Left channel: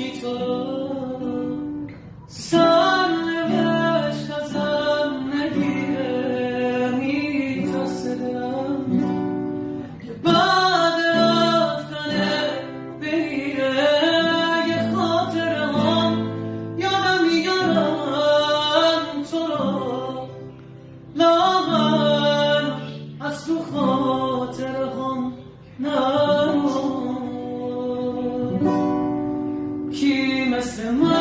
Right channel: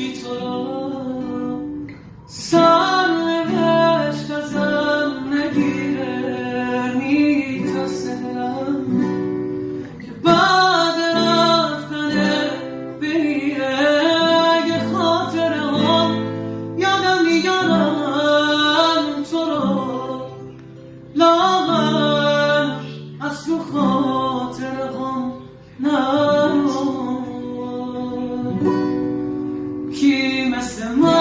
کی تو سرنوشت ازم نگیره میترسه دلم که بعد رفتن بمیره یه خاطره هم یادم میارم تو رو لاغر از تو خاطره هم نه کی مثل من